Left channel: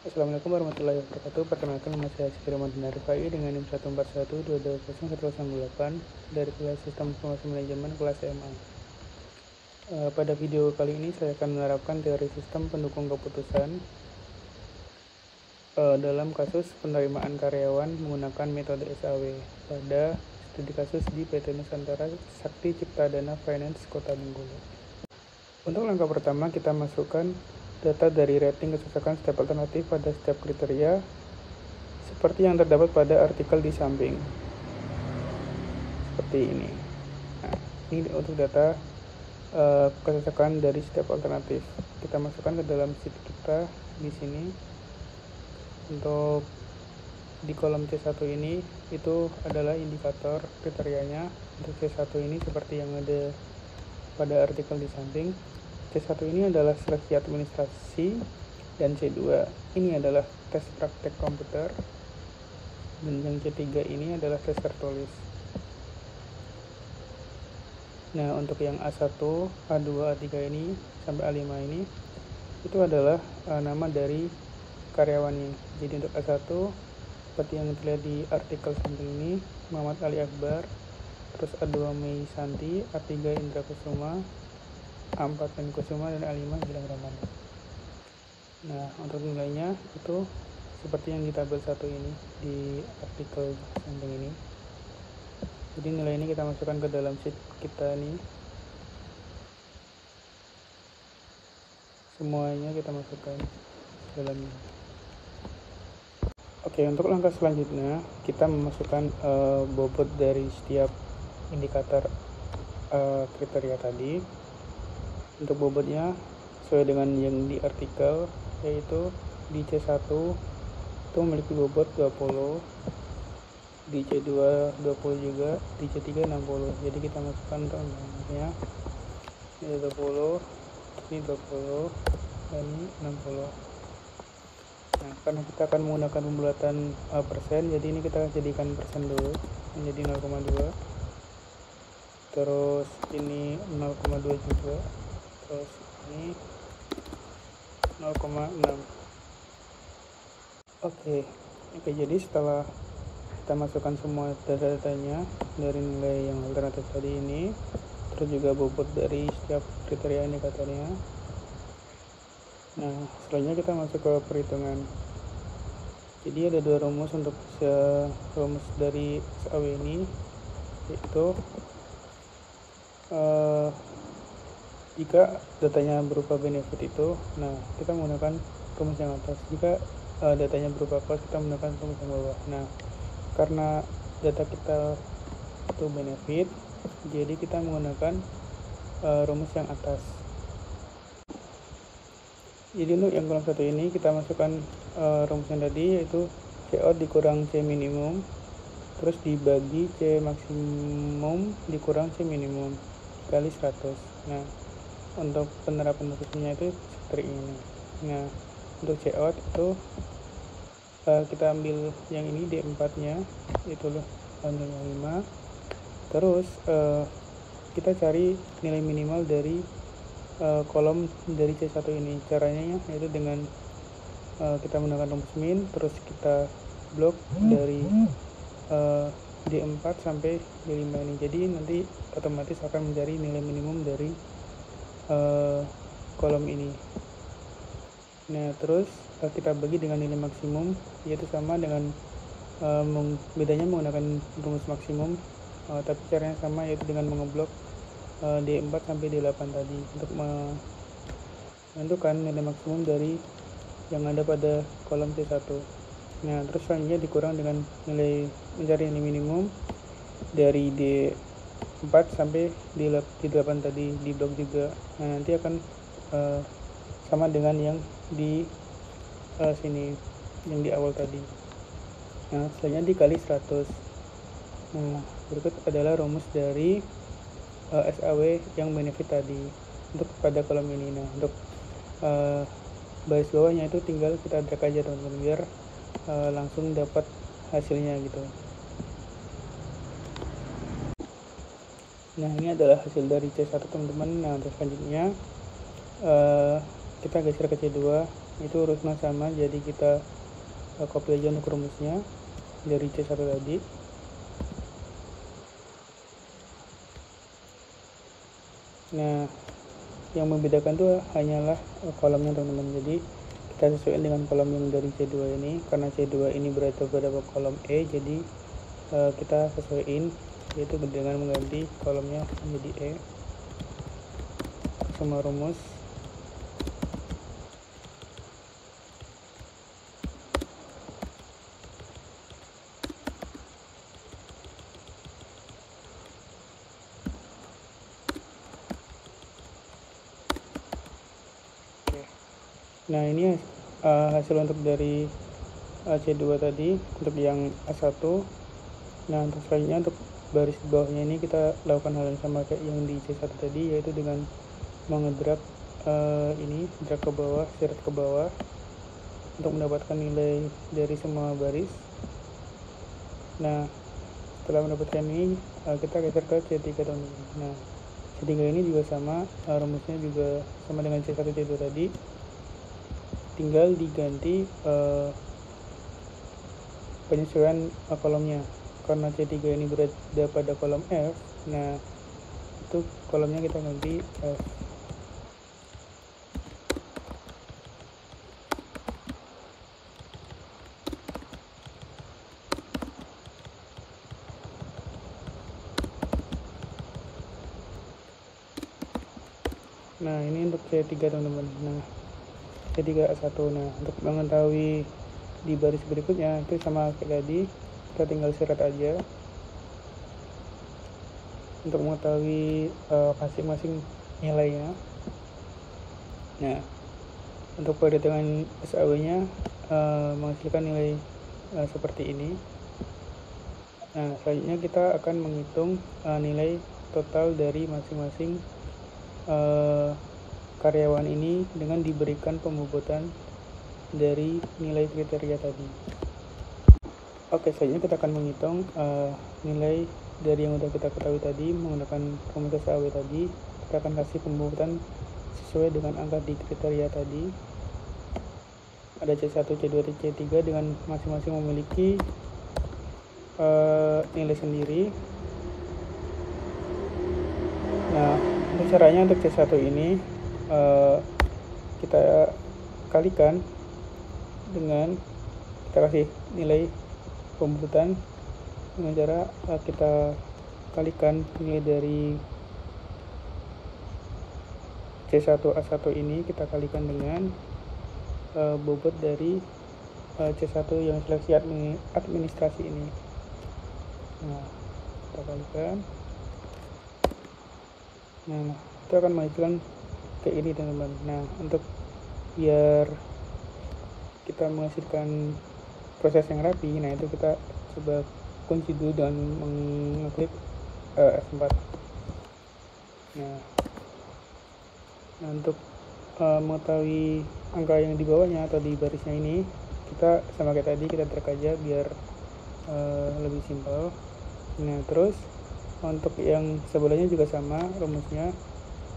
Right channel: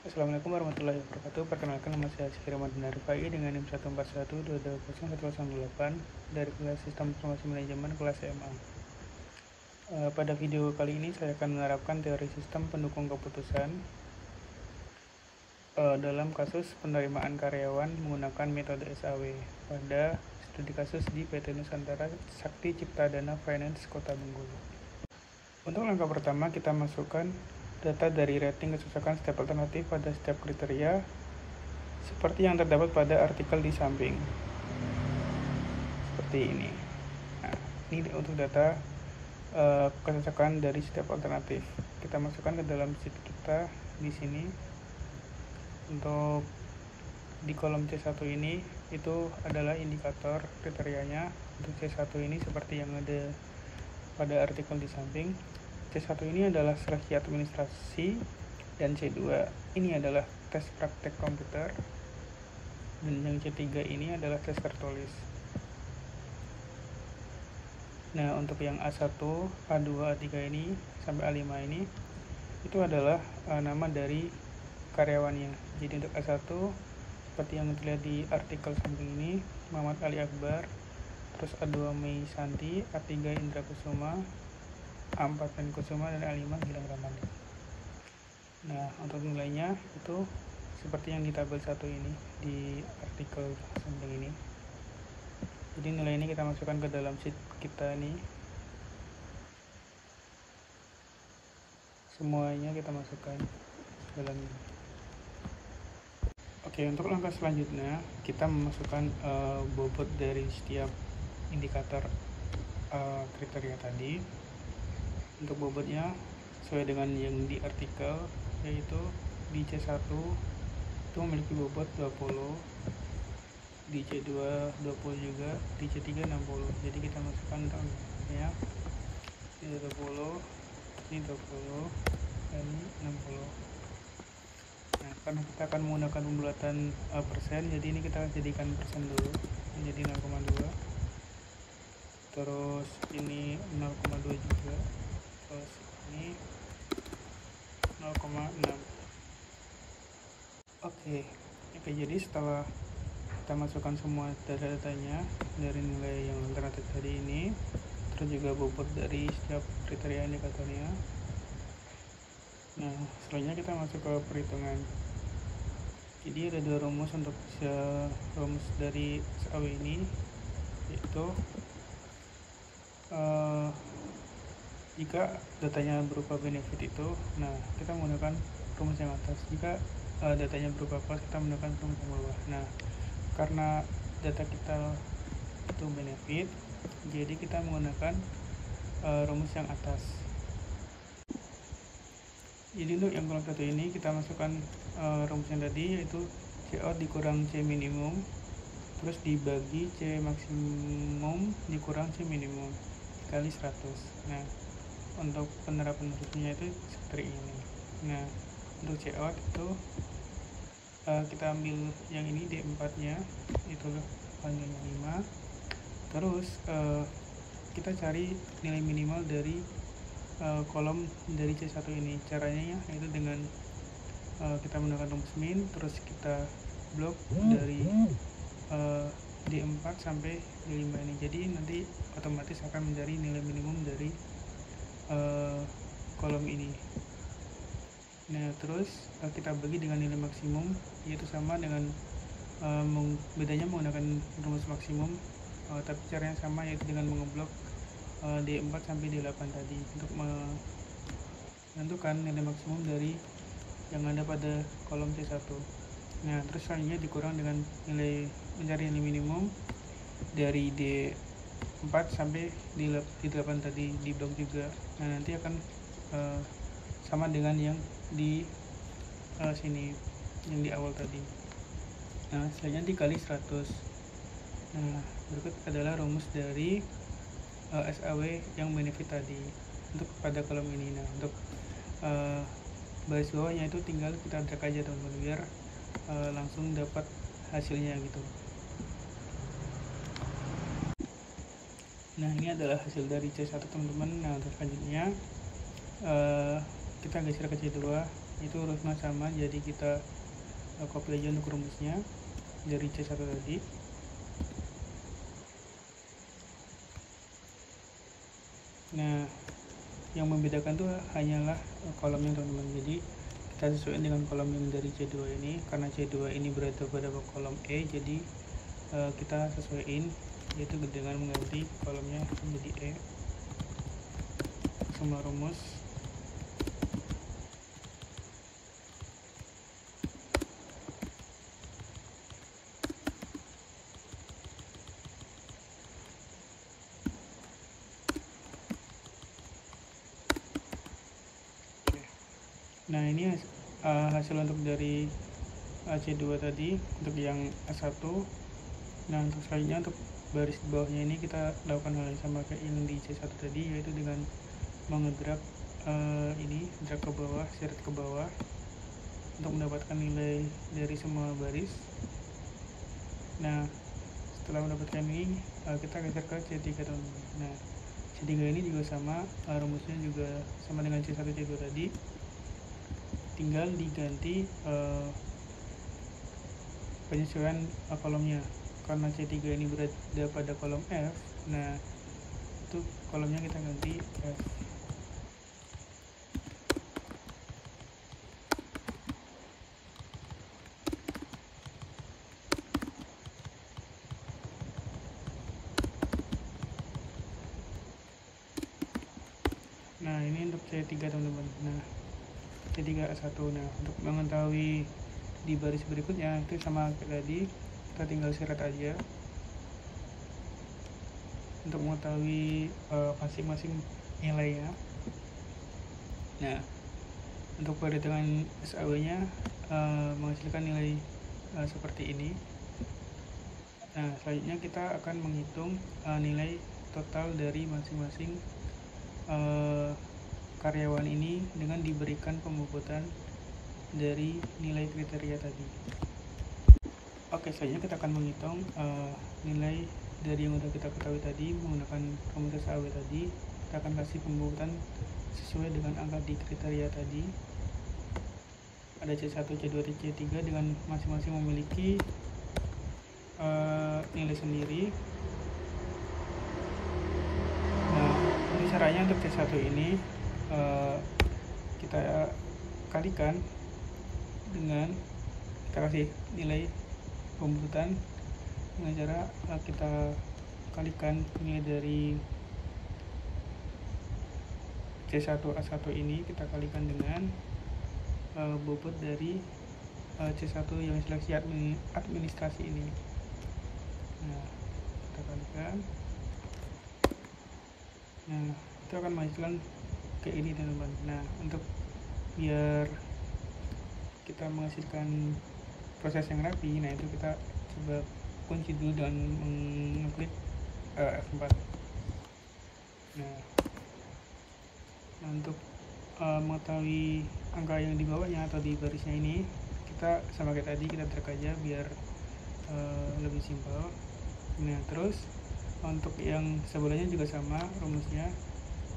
Assalamualaikum warahmatullahi wabarakatuh. Perkenalkan, nama saya Syekh Ramadan Rifai dengan NIM 141220108 dari kelas Sistem Informasi Manajemen kelas SMA. Pada video kali ini saya akan menerapkan teori sistem pendukung keputusan dalam kasus penerimaan karyawan menggunakan metode SAW pada studi kasus di PT Nusantara Sakti Cipta Dana Finance Kota Bengkulu. Untuk langkah pertama, kita masukkan data dari rating kecocokan setiap alternatif pada setiap kriteria seperti yang terdapat pada artikel di samping. Seperti ini. Nah, ini untuk data kecocokan dari setiap alternatif. Kita masukkan ke dalam sheet kita di sini. Untuk di kolom C1 ini itu adalah indikator kriterianya. Untuk C1 ini seperti yang ada pada artikel di samping. C1 ini adalah seleksi administrasi dan C2 ini adalah tes praktek komputer, dan yang C3 ini adalah tes tertulis. Nah, untuk yang A1, A2, A3 ini sampai A5 ini itu adalah nama dari karyawannya. Jadi untuk A1 seperti yang terlihat di artikel samping ini, Muhammad Ali Akbar, terus A2 Mei Santi, A3 Indra Kusuma, A4 Pen Kusuma, dan A5 Gilang Ramadan. Nah, untuk nilainya itu seperti yang di tabel 1 ini di artikel samping ini. Jadi nilai ini kita masukkan ke dalam sheet kita nih. Semuanya kita masukkan ke dalam ini. Oke, untuk langkah selanjutnya kita memasukkan bobot dari setiap indikator kriteria tadi. Untuk bobotnya sesuai dengan yang di artikel, yaitu di C1 itu memiliki bobot 20, di C2 20 juga, di C3 60. Jadi kita masukkan untuk namanya ini 20, ini 20, dan ini 60. Nah, karena kita akan menggunakan pembulatan persen, jadi ini kita jadikan persen dulu, menjadi 0,2. Terus ini 0,2 juga. Terus ini 0,6. Oke, jadi setelah kita masukkan semua data-datanya dari nilai yang alternatif tadi ini, terus juga bobot dari setiap kriteria indikatornya. Nah, selanjutnya kita masuk ke perhitungan. Jadi ada dua rumus untuk rumus dari SAW ini, yaitu jika datanya berupa benefit itu, nah kita menggunakan rumus yang atas. Jika datanya berupa cost, kita menggunakan rumus yang bawah. Nah, karena data kita itu benefit, jadi kita menggunakan rumus yang atas. Jadi untuk yang kolom 1 ini kita masukkan rumus yang tadi, yaitu C out dikurang C minimum, terus dibagi C maksimum dikurang C minimum dikali 100. Nah, untuk penerapan rumusnya itu seperti ini. Nah, untuk C out itu kita ambil yang ini D4 nya, itu nilainya 5. Terus kita cari nilai minimal dari kolom dari C1 ini. Caranya yaitu dengan kita menggunakan rumus min, terus kita blok dari D4 sampai D5 ini. Jadi nanti otomatis akan mencari nilai minimum dari kolom ini. Nah, terus kita bagi dengan nilai maksimum, yaitu sama dengan bedanya menggunakan rumus maksimum, tapi caranya sama, yaitu dengan mengeblok D4 sampai D8 tadi untuk menentukan nilai maksimum dari yang ada pada kolom C1. Nah, terus selanjutnya dikurang dengan mencari nilai minimum dari D4 sampai D8 tadi, di blok juga. Nah, nanti akan sama dengan yang di sini, yang di awal tadi. Nah, selanjutnya dikali 100. Nah, berikut adalah rumus dari SAW yang benefit tadi untuk pada kolom ini. Nah, untuk baris bawahnya itu tinggal kita drag aja teman-teman, biar langsung dapat hasilnya gitu. Nah, ini adalah hasil dari C1 teman-teman. Nah, untuk selanjutnya kita geser ke C2. itu rumusnya sama, jadi kita copy aja untuk rumusnya dari C1 tadi. Nah, yang membedakan tuh hanyalah kolomnya teman-teman. Jadi kita sesuaikan dengan kolom yang dari C2 ini, karena C2 ini berada pada kolom E, jadi kita sesuaikan, yaitu dengan mengganti kolomnya menjadi E semua rumus. Nah, ini hasil untuk dari C2 tadi untuk yang A1. Nah, untuk selanjutnya untuk baris di bawahnya ini kita lakukan hal yang sama kayak yang di C1 tadi, yaitu dengan mengedrag ini, drag ke bawah, seret ke bawah untuk mendapatkan nilai dari semua baris. Nah, setelah mendapatkan ini kita geser ke C3 teman-teman. Nah, C3 ini juga sama, rumusnya juga sama dengan C1 C2 tadi, tinggal diganti penyesuaian kolomnya. Karena C3 ini berada pada kolom F, nah itu kolomnya kita ganti F. Nah, ini untuk C3 teman-teman. Nah, C3A1. Nah, untuk mengetahui di baris berikutnya itu sama kayak tadi, kita tinggal seret aja untuk mengetahui masing-masing nilainya. Nah, untuk perhitungan SAW nya menghasilkan nilai seperti ini. Nah, selanjutnya kita akan menghitung nilai total dari masing-masing karyawan ini dengan diberikan pembobotan dari nilai kriteria tadi. Oke, selanjutnya kita akan menghitung nilai dari yang udah kita ketahui tadi menggunakan rumus SAW tadi. Kita akan kasih pembobotan sesuai dengan angka di kriteria tadi. Ada C1, C2, C3 dengan masing-masing memiliki nilai sendiri. Nah, untuk caranya untuk C1 ini kita kalikan dengan kita kasih nilai pembobotan dengan cara kita kalikan nilai dari C1A1 ini, kita kalikan dengan bobot dari C1 yang seleksi administrasi ini. Nah, kita kalikan. Nah, itu akan menghasilkan kayak ini teman-teman. Nah, untuk biar kita menghasilkan proses yang rapi, nah itu kita coba kunci dulu dengan mengklik F4. Nah, untuk mengetahui angka yang di bawahnya atau di barisnya ini, kita sama kayak tadi, kita drag aja biar lebih simpel. Nah, terus untuk yang sebelahnya juga sama rumusnya,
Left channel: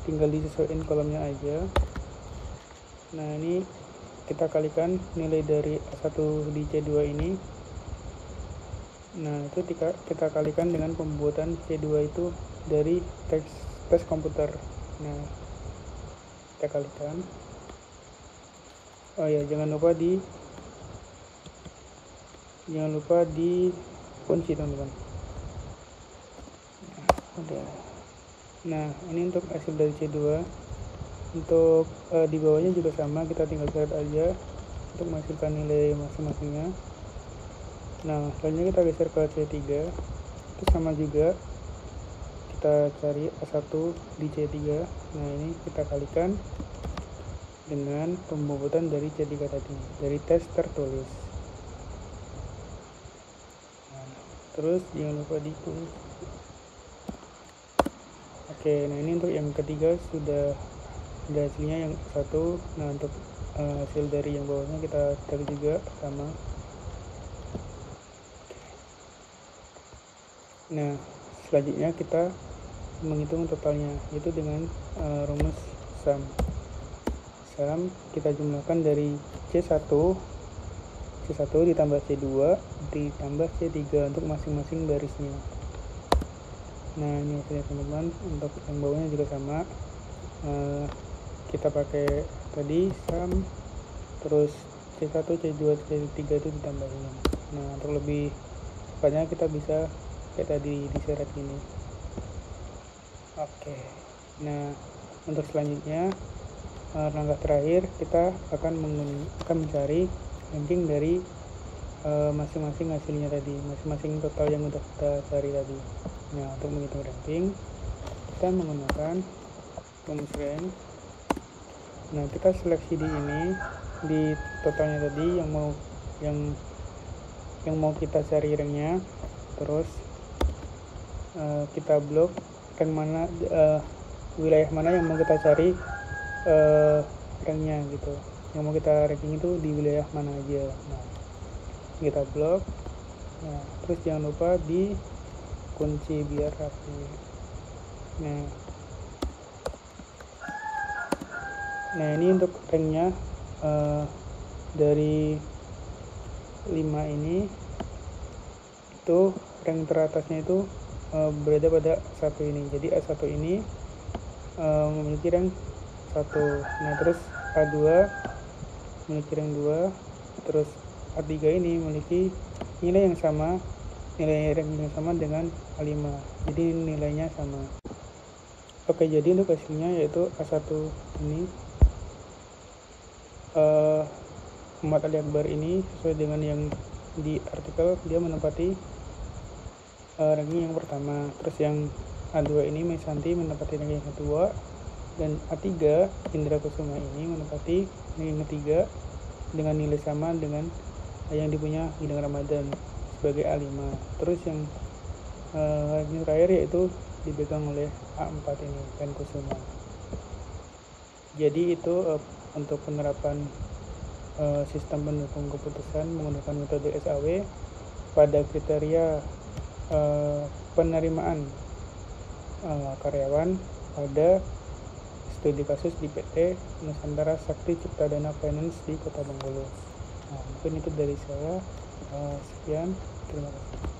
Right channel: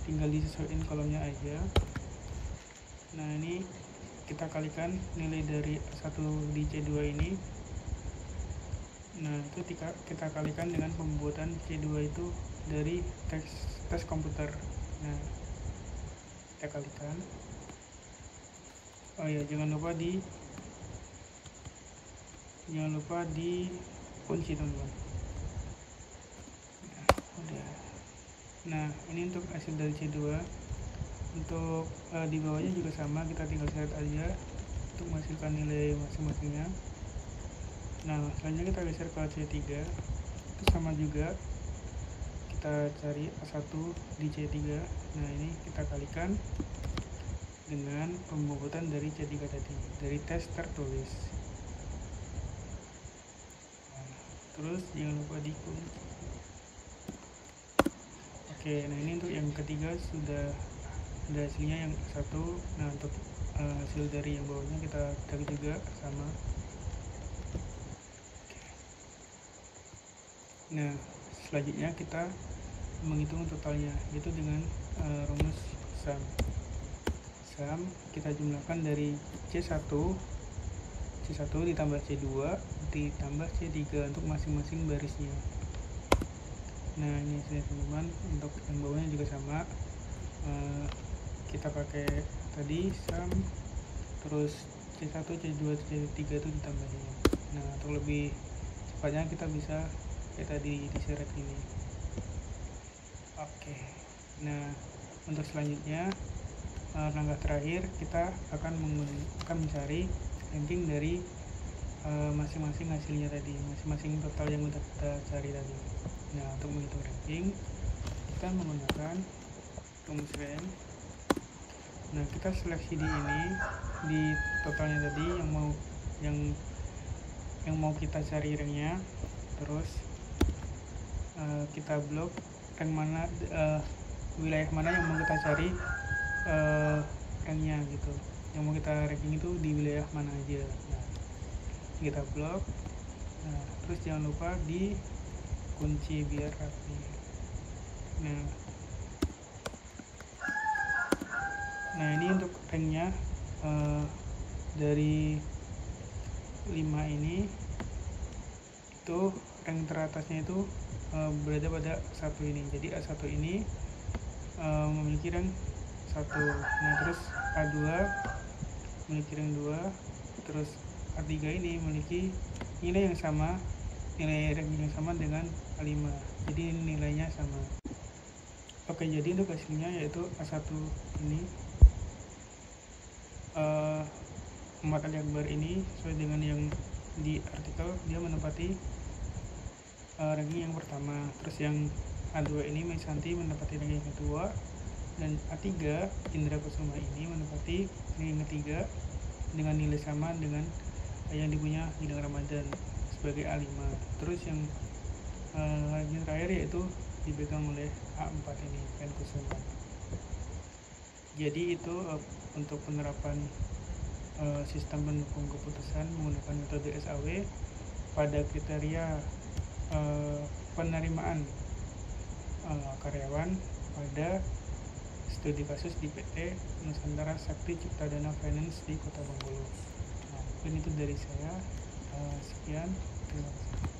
tinggal disesuaikan kolomnya aja. Nah, ini kita kalikan nilai dari A1 di C2 ini. Nah, itu kita kalikan dengan pembuatan C2 itu dari tes komputer. Nah, kita kalikan. Oh ya, jangan lupa di kunci teman-teman. Nah, udah. Nah, ini untuk hasil dari C2. Untuk di bawahnya juga sama, kita tinggal seret aja untuk menghasilkan nilai masing-masingnya. Nah, selanjutnya kita geser ke C3. Itu sama juga, kita cari A1 di C3. Nah, ini kita kalikan dengan pembobotan dari C3 tadi, dari tes tertulis. Nah, terus jangan lupa dikunci. Oke, nah ini untuk yang ketiga sudah ada hasilnya yang satu. Nah, untuk hasil dari yang bawahnya kita tag juga sama. Oke. Nah, selanjutnya kita menghitung totalnya, yaitu dengan rumus sum sum, kita jumlahkan dari C1 ditambah C2 ditambah C3 untuk masing-masing barisnya. Nah, ini hasilnya teman-teman. Untuk yang bawahnya juga sama, kita pakai tadi sum, terus C1, C2, C3 itu ditambahin. Nah, untuk lebih cepatnya kita bisa kayak tadi diseret gini. Oke. Nah, untuk selanjutnya langkah terakhir kita akan mencari ranking dari masing-masing hasilnya tadi, masing-masing total yang udah kita cari tadi. Nah, untuk menghitung ranking kita menggunakan rumus rank. Nah, kita seleksi di ini, di totalnya tadi yang mau kita cari ranknya, terus kita blok rank mana, wilayah mana yang mau kita cari ranknya gitu, yang mau kita ranking itu di wilayah mana aja. Nah, kita blok. Nah, terus jangan lupa di kunci biar rapi. Nah ini untuk ranknya dari 5 ini, itu rank teratasnya itu berada pada A1 ini. Jadi A1 ini memiliki rank 1. Nah, terus A2 memiliki rank 2, terus A3 ini memiliki nilai yang sama, nilai ranking yang sama dengan A5. Jadi nilainya sama. Oke, jadi untuk hasilnya yaitu A1 ini, Muhammad Ali Akbar ini sesuai dengan yang di artikel, dia menempati ranking yang pertama. Terus yang A2 ini Maisanti menempati ranking yang kedua, dan A3 Indra Kusuma ini menempati ranking ketiga dengan nilai sama dengan yang dipunya Gilang Ramadan sebagai A5. Terus yang ranking terakhir yaitu dipegang oleh A4 ini, Pen Kusuma. Jadi itu untuk penerapan sistem pendukung keputusan menggunakan metode SAW pada kriteria penerimaan karyawan pada studi kasus di PT Nusantara Sakti Ciptadana Finance di Kota Bengkulu. Nah, mungkin itu dari saya. Sekian, terima kasih.